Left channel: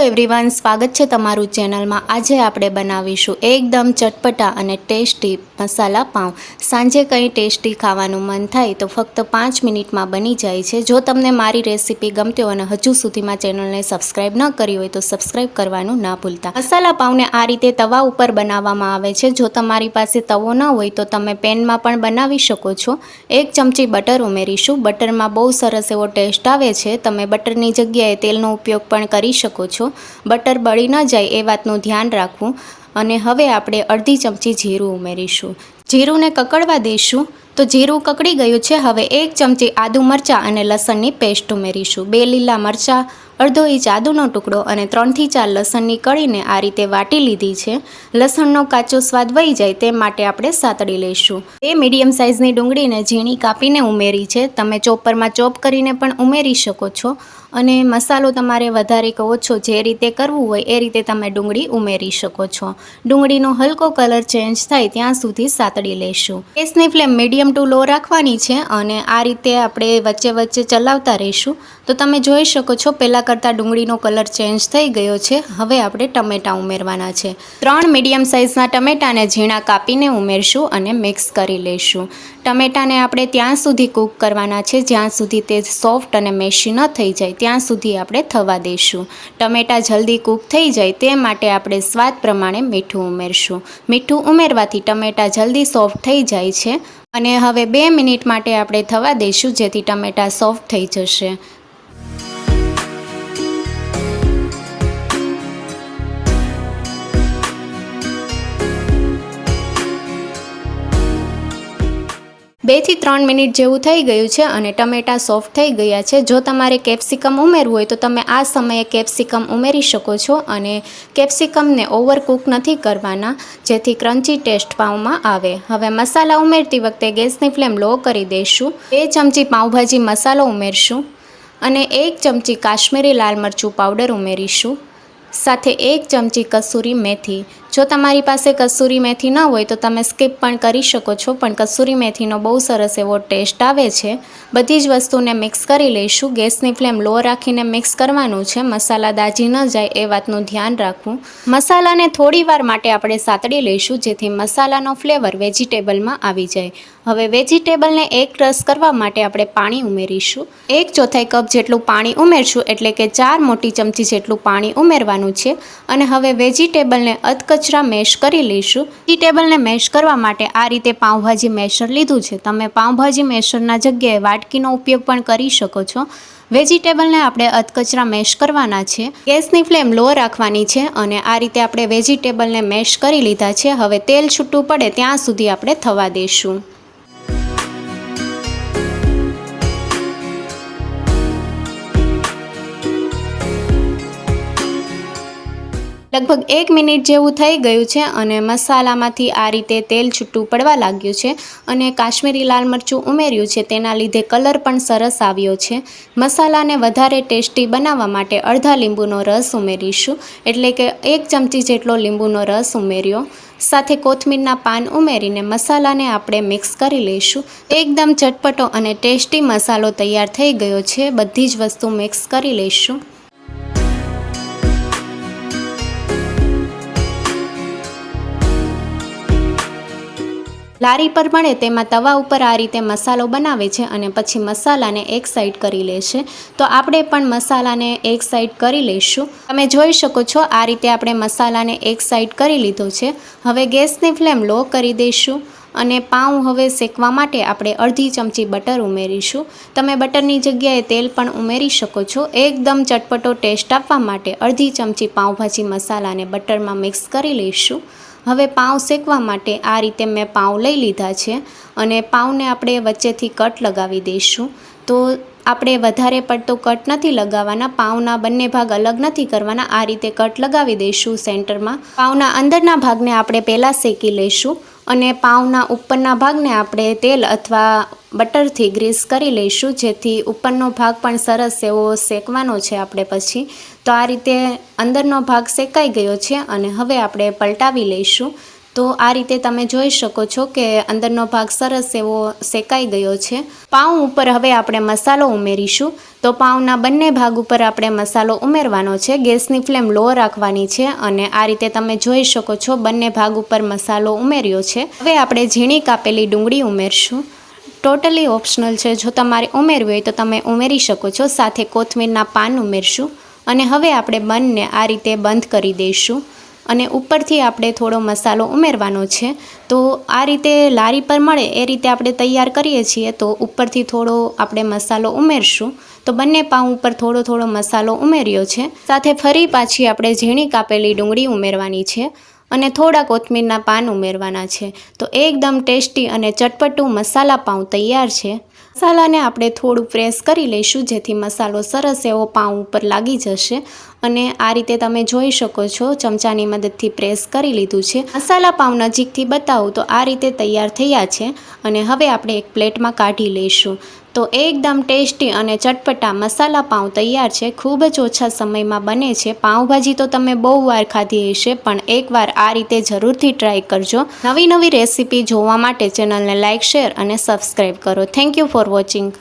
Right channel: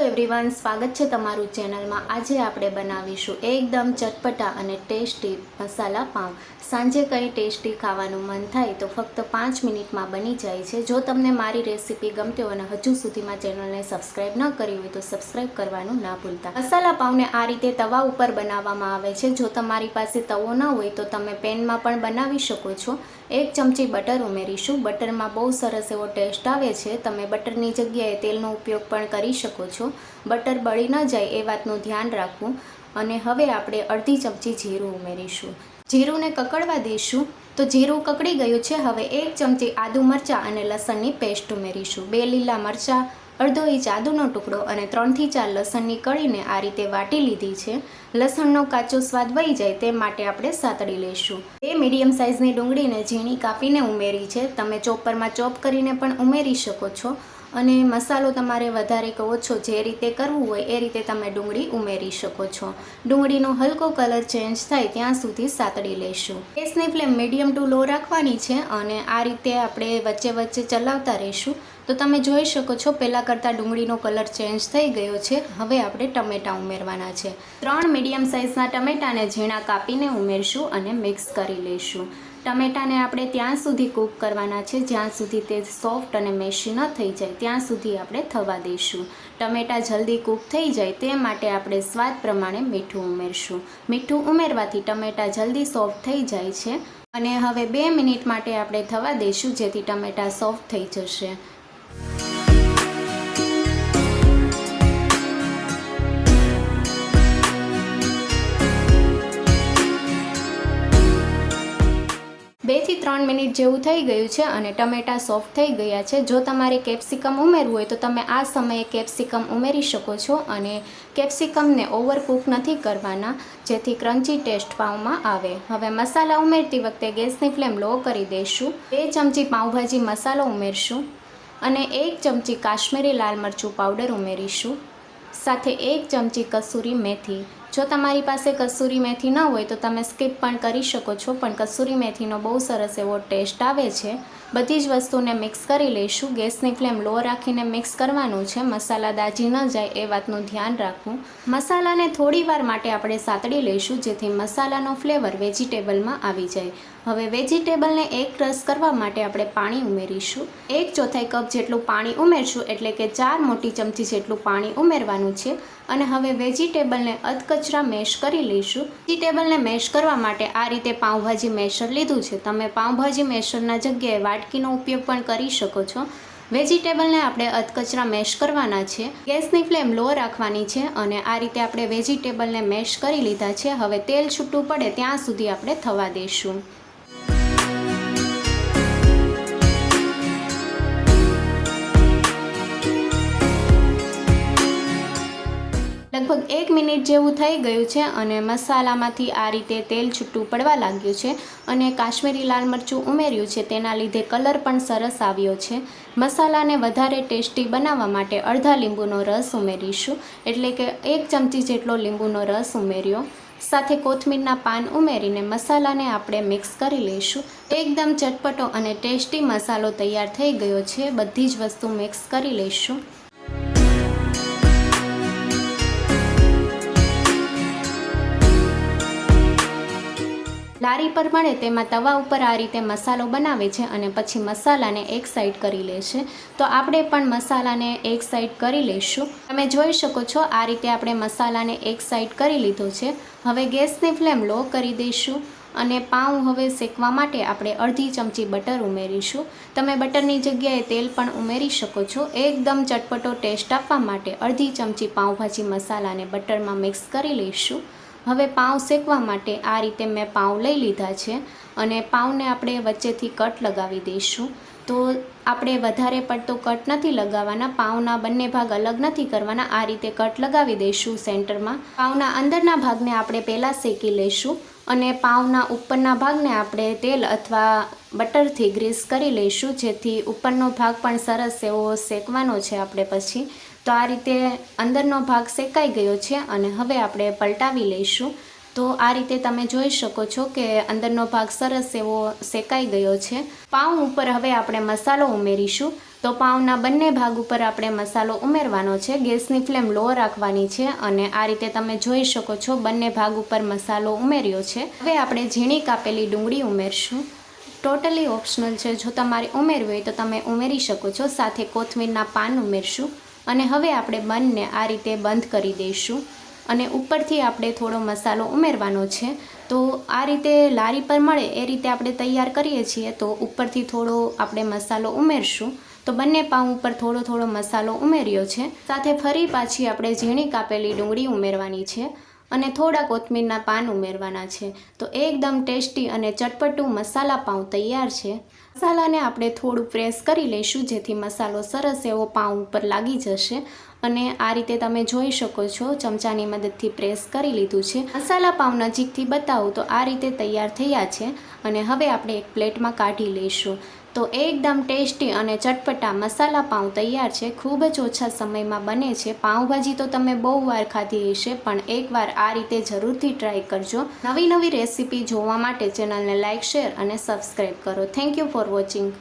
Everyone, સ્વાગત છે તમારું ચેનલમાં। આજે આપણે બનાવીશું એકદમ ચટપટા અને ટેસ્ટી મસાલા પાઉં। સાંજે કંઈ ટેસ્ટી ખાવાનું મન થાય તો ફક્ત 5 મિનિટમાં બની જાય છે। જો તમને મારી રેસીપી ગમતી હોય અને હજુ સુધીમાં ચેનલને સબસ્ક્રાઈબ ન કરી હોય તો સબસ્ક્રાઈબ કરવાનું ના ભૂલતા। મસાલા પાઉંને આ રીતે તવા ઉપર બનાવવામાં આવે છે। જો તમારી પાસે તવો ન હોય તો તમે પેનમાં પણ બનાવી શકો છો। 1 ચમચી બટર ઉમેરીશું। બટરમાં બહુ સરસ એવો ટેસ્ટ આવે છે। તમે બટરની જગ્યાએ તેલનો ઉપયોગ પણ કરી શકો છો। બટર બળી ન જાય એ વાતનું ધ્યાન રાખવું। અને હવે આપણે અડધી ચમચી જીરું ઉમેરીશું। જીરુંને કકડવા દઈશું। તો જીરું કકડી ગયું છે। હવે 1 ચમચી આદુ મરચાં અને લસણની પેસ્ટ ઉમેરીશું। 2 લીલા મરચાં, અડધો ઇંચ આદુનો ટુકડો અને 3 થી 4 લસણની કળીને આ રીતે વાટી લીધી છે। લસણનો કાચો સ્વાદ વહી જાય તે માટે આપણે સાતળી લઈશું। 2 મીડિયમ સાઇઝની ડુંગળીને ઝીણી કાપીને ઉમેરી છે। તમે ચોપરમાં ચોપ કરીને પણ ઉમેરી શકો છો। અને મસાલો તમારે વધારે કે ઓછો જે રીતે કરવું હોય એ રીતે તમે ડુંગળી ઉમેરી શકો છો। ડુંગળીનો હલકો કલર ચેન્જ થાય ત્યાં સુધી સાતળી લઈશું। ગેસની ફ્લેમ મીડિયમ ટુ લો રાખવાની છે અને આ રીતે આપણે વચ્ચે વચ્ચે ચલાવતા રહીશું। તો તમે જોઈ શકો છો પહેલાં કરતાં ડુંગળીનો કલર ચેન્જ થઈ ગયો છે। હવે આપણે ટમેટાં ઉમેરવાના છે। 3 મીડિયમ સાઇઝના ટમેટાને ઝીણા કાપીને ઉમેરશું અને મિક્સ કરી લઈશું। ટમેટાને આપણે ત્યાં સુધી કૂક કરવાના છે જ્યાં સુધી તે સોફ્ટ અને મેશી ન થઈ જાય ત્યાં સુધી આપણે થવા દઈશું। ટમેટાં જલ્દી કૂક થઈ જાય તે માટે આપણે સ્વાદ પ્રમાણે મીઠું ઉમેરશું। મીઠું ઉમેરવાથી ટમેટાં જલ્દી સોફ્ટ થઈ જાય છે। અને હવે 2 મિનિટ માટે આપણે થવા દઈશું જેથી ટમેટાં સોફ્ટ થઈ જશે। બે થી 3 મિનિટ જેવું થઈ ગયું છે અને ટમેટાં સોફ્ટ થઈ ગયા છે। જો તમારે કેપ્સિકમ ઉમેરવું હોય તો તમે આ સમયે કેપ્સિકમ ઉમેરી શકો છો। અને કેપ્સિકમને ઓવરકૂક નથી કરવાના જેથી ક્રન્ચી ટેસ્ટ પાઉંમાં આવે। હવે મસાલા ઉમેરતી વખતે ગેસની ફ્લેમ લો કરી દઈશું। 2 ચમચી પાઉંભાજી મસાલો ઉમેરશું અને 1 ચમચી કાશ્મીરી લાલ મરચું પાવડર ઉમેરીશું। સાથે 1 ચમચી કસૂરી મેથી। જો તમારી પાસે કસૂરી મેથી ન હોય તો તમે સ્કીપ પણ કરી શકો છો, પણ કસૂરી મેથીનો બહુ સરસ એવો ટેસ્ટ આવે છે। બધી જ વસ્તુને મિક્સ કરી લઈશું। ગેસની ફ્લેમ લો રાખીને મિક્સ કરવાનું છે, મસાલા દાજી ન જાય એ વાતનું ધ્યાન રાખવું। મસાલાને થોડી વાર માટે આપણે સાતળી લઈશું જેથી મસાલાનો ફ્લેવર વેજીટેબલમાં આવી જાય। હવે વેજીટેબલને એક રસ કરવા માટે આપણે પાણી ઉમેરીશું। 1/4 કપ જેટલું પાણી ઉમેરશું એટલે કે 4 મોટી ચમચી જેટલું પાણી ઉમેરવાનું છે। અને હવે વેજીટેબલને અધકચરા મેશ કરી લઈશું। વેજીટેબલને મેશ કરવા માટે આ રીતે પાઉંભાજી મેશર લીધું છે। તમે પાઉંભાજી મેશરના જગ્યાએ વાટકીનો ઉપયોગ પણ કરી શકો છો। વેજીટેબલને આપણે અધકચરા મેશ કરવાના છે। ગેસની ફ્લેમ લો રાખવાની છે અને આ રીતે આપણે વેજીટેબલને મેશ કરી લીધા છે। હવે તેલ છૂટું પડે ત્યાં સુધી આપણે થવા દઈશું। લગભગ 1 મિનિટ જેવું થઈ ગયું છે અને મસાલામાંથી આ રીતે તેલ છૂટું પડવા લાગ્યું છે અને કાશ્મીરી લાલ મરચું ઉમેર્યું છે તેના લીધે કલર પણ સરસ આવ્યો છે। મસાલાને વધારે ટેસ્ટી બનાવવા માટે અડધા લીંબુનો રસ ઉમેરીશું એટલે કે 1 ચમચી જેટલો લીંબુનો રસ ઉમેર્યો। સાથે કોથમીરના પાન ઉમેરીને મસાલાને આપણે મિક્સ કરી લઈશું। એકદમ ચટપટો અને ટેસ્ટી મસાલો તૈયાર થઈ ગયો છે। બધી જ વસ્તુ મિક્સ કરી લઈશું। લારી પર મળે તેમાં તવા ઉપર આ રીતે મસાલો બનાવે છે અને પછી મસાલાને એક સાઈડ કરી લે છે। તો આપણે પણ મસાલાને એક સાઈડ કરી લઈશું। તમે જોઈ શકો છો આ રીતે આપણે મસાલાને એક સાઈડ કરી લીધો છે। હવે ગેસની ફ્લેમ લો કરી દઈશું અને પાઉં હવે શેકવા માટે આપણે અડધી ચમચી બટર ઉમેરીશું। તમે બટરની જગ્યાએ તેલ પણ ઉમેરી શકો છો। એકદમ ચટપટો ટેસ્ટ આપવા માટે અડધી ચમચી પાઉંભાજી મસાલાને બટરમાં મિક્સ કરી લઈશું। હવે પાઉં શેકવા માટે આ રીતે મેં પાઉં લઈ લીધા છે અને પાઉંને આપણે વચ્ચેથી કટ લગાવી દઈશું। તો આપણે વધારે પડતો કટ નથી લગાવવાના, પાઉંના બંને ભાગ અલગ નથી કરવાના, આ રીતે કટ લગાવી દઈશું સેન્ટરમાં। પાઉંના અંદરના ભાગને આપણે પહેલાં શેકી લઈશું અને પાઉંના ઉપરના ભાગને આપણે તેલ અથવા બટરથી ગ્રીસ કરી લઈશું જેથી ઉપરનો ભાગ પણ સરસ એવો શેકવાનો છે આપણે પછી। તો આ રીતે અંદરનો ભાગ શેકાઈ ગયો છે અને હવે આપણે પલટાવી લઈશું। તો આ રીતે તમે જોઈ શકો છો કે અંદરનો ભાગ સરસ એવો શેકાઈ ગયો છે। પાઉં ઉપર હવે આપણે મસાલો ઉમેરીશું। તો પાઉંના બંને ભાગ ઉપર આપણે મસાલો ઉમેરવાનો છે. ગેસની ફ્લેમ લો રાખવાની છે અને આ રીતે તમે જોઈ શકો છો બંને ભાગ ઉપર મસાલો ઉમેર્યો છે. હવે આપણે ઝીણી કાપેલી ડુંગળી ઉમેરશું. ટોટલી ઓપ્શનલ છે, જો તમારે ઉમેરવી હોય તો તમે ઉમેરી શકો છો. સાથે કોથમીરના પાન ઉમેરશું અને હવે આપણે બંને આ રીતે બંધ કરી દઈશું અને ઉપરથી આપણે થોડો મસાલો ઉમેરવાનો છે. તો આ રીતે લારી પર મળે એ રીતે આપણે તૈયાર કરીએ છીએ, તો ઉપરથી થોડો આપણે મસાલો ઉમેરશું. તો બંને પાઉં ઉપર થોડો થોડો મસાલો ઉમેર્યો છે. સાથે ફરી પાછી આપણે ઝીણી કાપેલી ડુંગળી ઉમેરવાની છે અને થોડા કોથમીરના પાન ઉમેરવાના છે. તો એકદમ ટેસ્ટી અને ચટપટું મસાલા પાઉં તૈયાર છે. મસાલાને આપણે થોડું પ્રેસ કરી લઈશું જેથી મસાલો સરસ એવો પાઉં ઉપર લાગી જશે અને આ રીતે તમે જોઈ શકો છો ચમચાની મદદથી પ્રેસ કરી લીધું છે. મસાલા પાઉં નજીકથી બતાવું તો આ રીતે તૈયાર થયા છે અને હવે આપણે એક પ્લેટમાં કાઢી લઈશું. તો એકદમ ટેસ્ટી અને ચટપટા મસાલા પાઉં તૈયાર છે. ખૂબ જ ઓછા સમયમાં બને છે. પાઉંભાજી તો તમે બહુ વાર ખાધી હશે, પણ એકવાર આ રીતે જરૂરથી ટ્રાય કરજો. નવી નવી રેસીપી જોવા માટે ચેનલને લાઇક, શેર અને સબસ્ક્રાઈબ કરો. Thank you for watching.